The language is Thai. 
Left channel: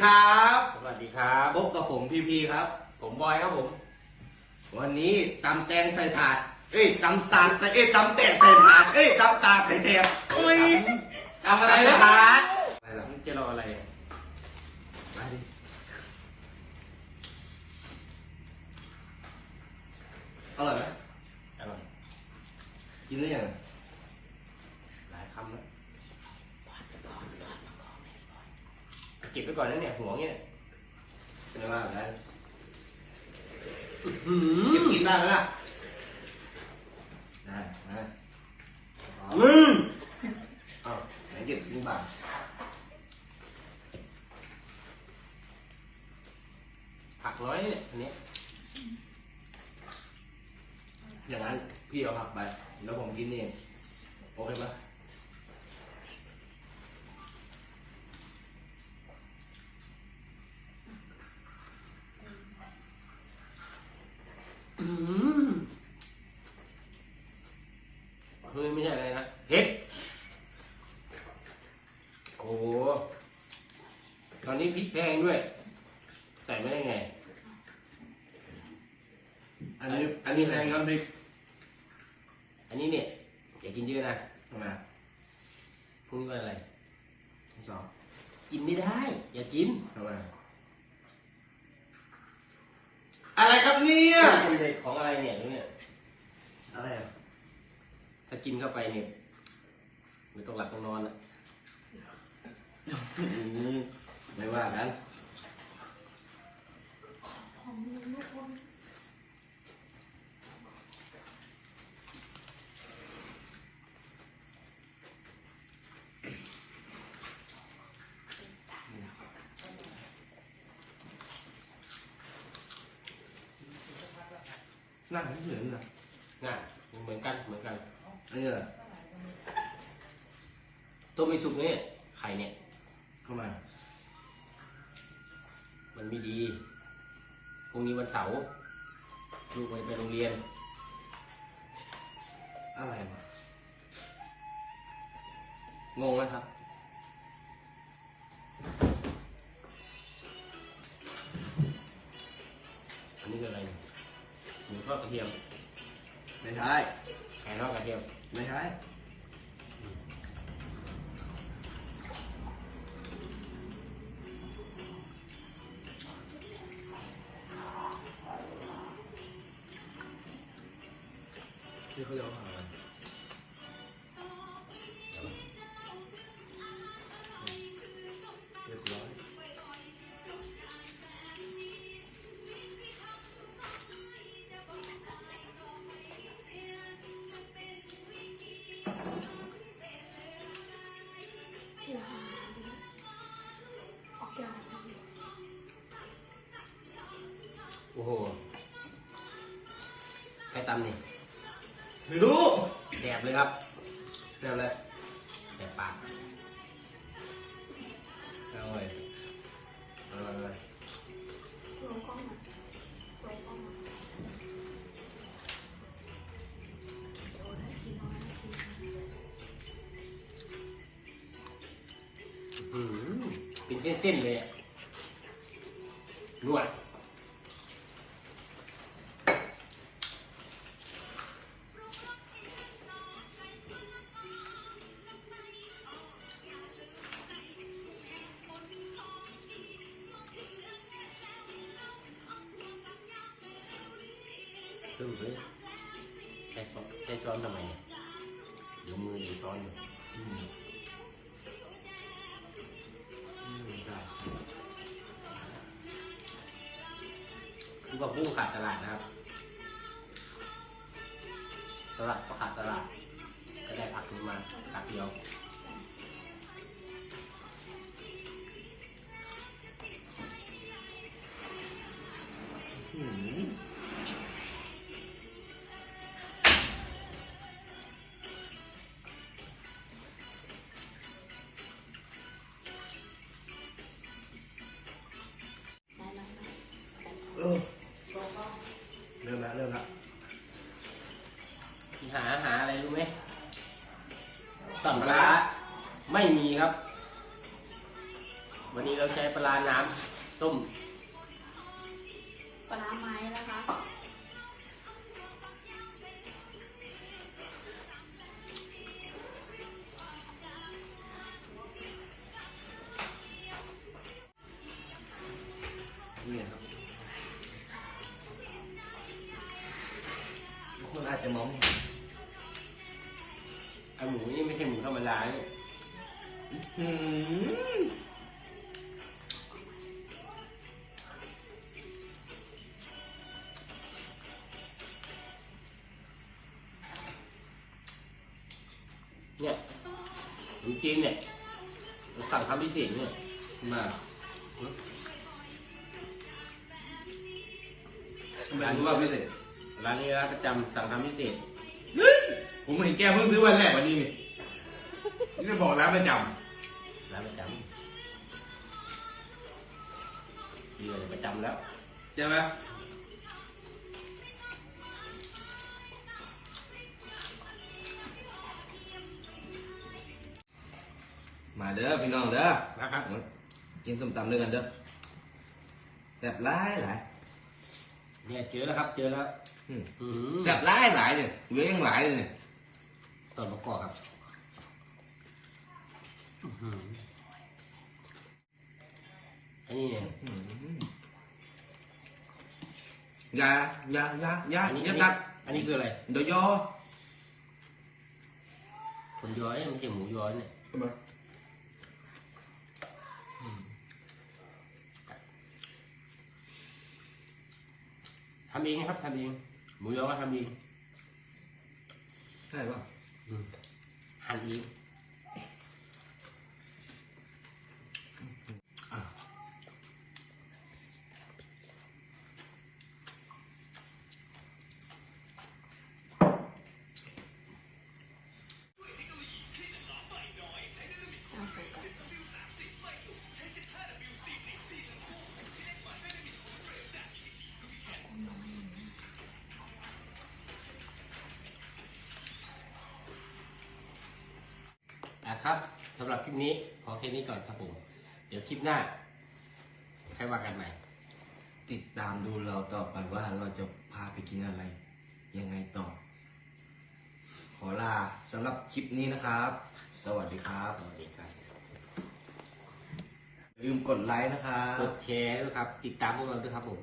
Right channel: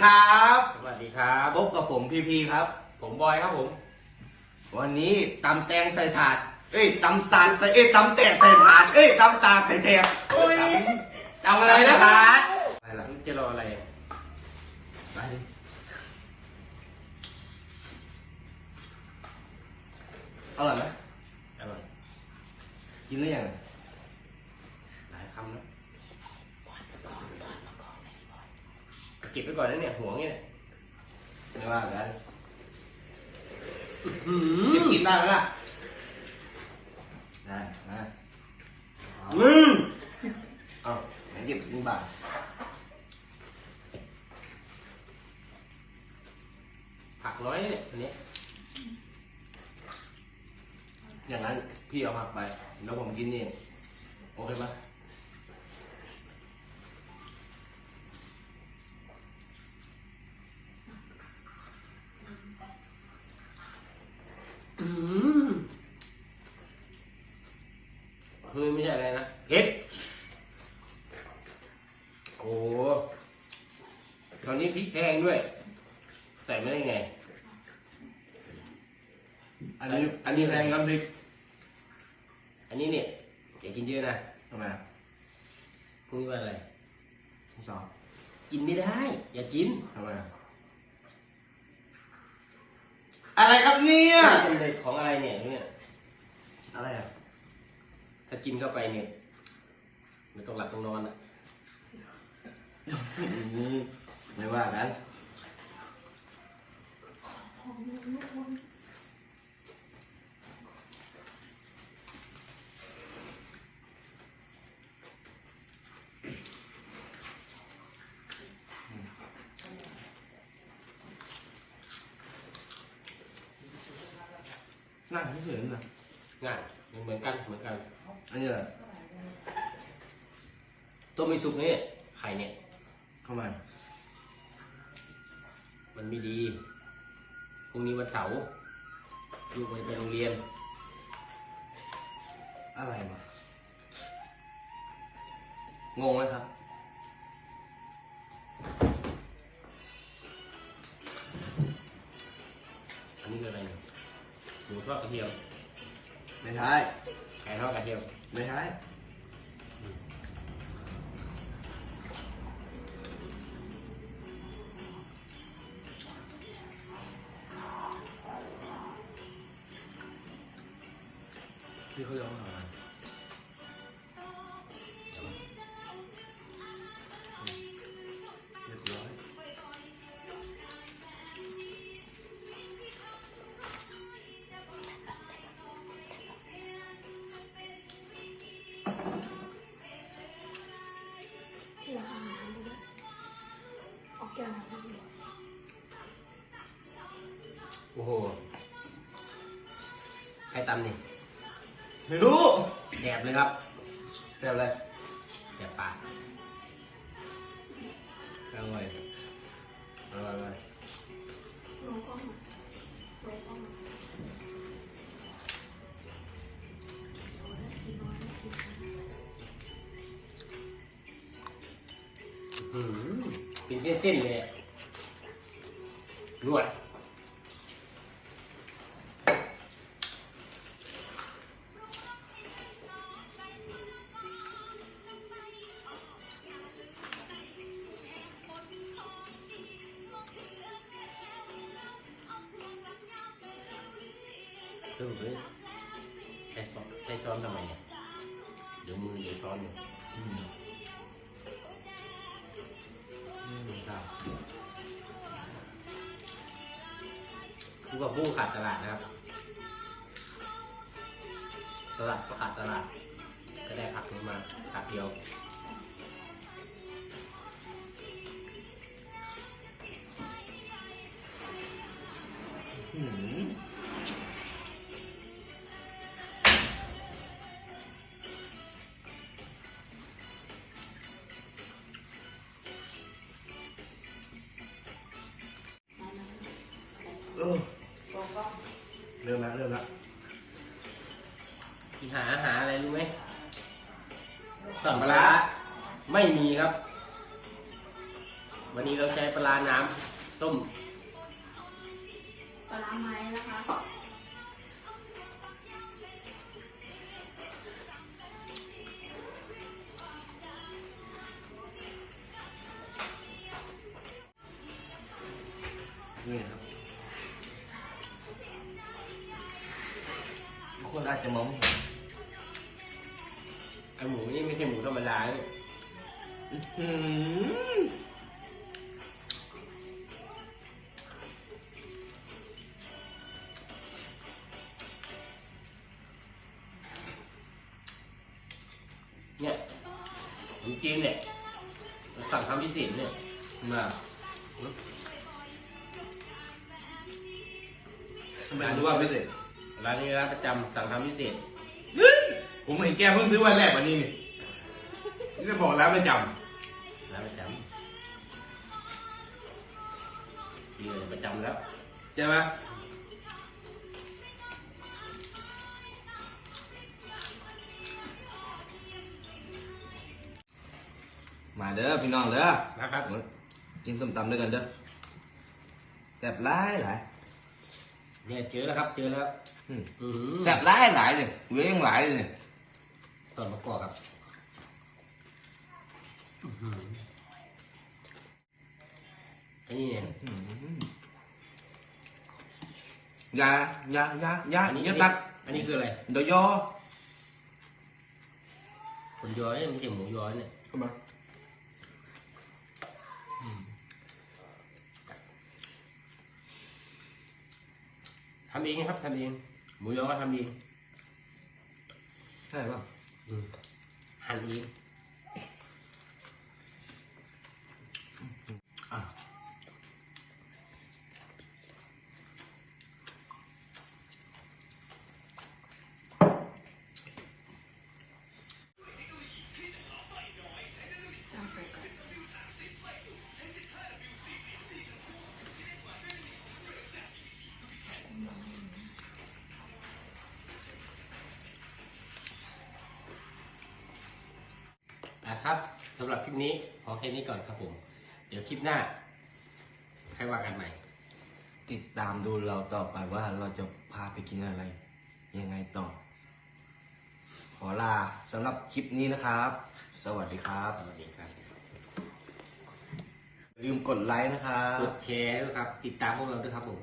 สวัสดีครับ สวัสดีครับพบกับผมพีพีครับ ผมบอยครับผม วันนี้ตำแตงใส่ถาด เอ้ยตำตาลใส่เอ้ยตำแตงใส่ถาด เอ้ยตำตาลใส่แตงเอ้ยทำอะไรนะถาดอะไรล่ะจะรออะไรไปดิอร่อยไหมอร่อยกินหรือยังหลายคำแล้ว เก็บไว้ก่อนนะเนี่ยห่วงเนี่ยไม่ว่ากันหืเก็บมกินได้ไหมล่ะได้ได้อืมเอ้าไหนเก็บกินบ้างผักน้อยเนี่ยอันนี้อย่างนั้นพี่เอาผักไป แล้วผมกินนี่โอเคไหม อืมเฮ้ยไม่ใช่อะไรนะเผ็ดโอ้ตอ นนี้พริกแพงด้วย ใส่ไม่ได้ไง อันนี้อันนี้แรงกันดิอันนี้เนี่ยอย่ากินเยอะนะทำไมพรุ่งนี้วันอะไรทั้งสองกินไม่ได้ อย่ากินทำไมอะไรครับเนี่ยเป็นเด็กของอะไรเนี่ยเนี่ยอะไรอะถ้ากินเข้าไปเนี่ยไม่ต้องหลับต้องนอนอะ อืมไม่ว่ากันนั่งเฉยๆเลยง่ายเห มือนกันเหมือนกันอันนี้อะไรต้มไม่สุกเนี่ยไข่เนี่ยเข้ามามันไม่ดีพรุ่งนี้วันเสาร์ลูกไม่ไปโรงเรียน อะไรวะงงไหมครับ อันนี้คืออะไรเนี่ยหมูทอดกระเทียม ไม่ใช่ไก่ทอดกระเทียม ไม่ใช่ ที่เขาเรียกว่าอะไรเดี๋ยวเรียบร้อยโอ้โหใครตำนี่ ไม่รู้แสบเลยครับแบบอะไรแสบปากเอาเลยอาเลยเอาเลยอื้อหือเป็นเส้นๆเลยอะนวด สรุปเลยใช้ซ้อนใช้ซ้อนทำไมเนี่ยเดี๋ยวมือเดี๋ยวซ้อนอยู่อืมอืมไม่ใช่คือว่าบุ้งขาดตลาดนะครับสลัดก็ขาดตลาด ก็ได้ผักนี้มาผักเดียว หาหาอะไรรู้ไหมสั่งปลาร้าไม่มีครับ วันนี้เราใช้ปลาร้าน้ำต้ม ปลาร้าไม้นะคะนี่ครับทุกคนอาจจะมองไม่เห็นาเนี่ยอืมเนี่ยขนมจีนเนี่ยเราสั่งทำพิเศษเนี่ยมาทำไมรู้ว่าไม่เสร็จร้านนี้ร้านประจำสั่งทำพิเศษ ผมเห็นแกเพิ่งซื้อวันแรกวันนี้นี่ นี่จะบอกร้านไม่จร้านประจำที่เลยประจำแล้วำใช่ไหมมาเด้อพี่น้องเด้อนะครับกินส้มตำด้วยกันเด้อแซ่บหลายหลายเนี่ยเจอแล้วครับ เจอแล้วอืมอือหือแซ่บหลายหลายเลยเหลือยังหลายเลยตอนมะกอกครับ อื้อหืออันนี้เนี่ยอืมอยาอยาอยาอยาอันนี้อย่าอันตันี้กอันนี้คืออะไร เดี๋ยวยอคนย้อยไม่ใช่หมูย้อยเนี่ยเข้ามาทำเองนะครับทำเอง หมูย้อยก็ทำเองใช่ป่ะอืมหั่นเอง ครับสำหรับคลิปนี้พอแค่นี้ก่อนครับผม เดี๋ยวคลิปหน้าใครว่ากันใหม่ ติดตามดูเราต่อไปว่าเราจะพาไปกินอะไร ยังไงต่อ ขอลาสำหรับคลิปนี้นะครับ สวัสดีครับสวัสดีครับอย่าลืมกดไลค์นะครับ กดแชร์ด้วยครับ ติดตามพวกเราด้วยครับผม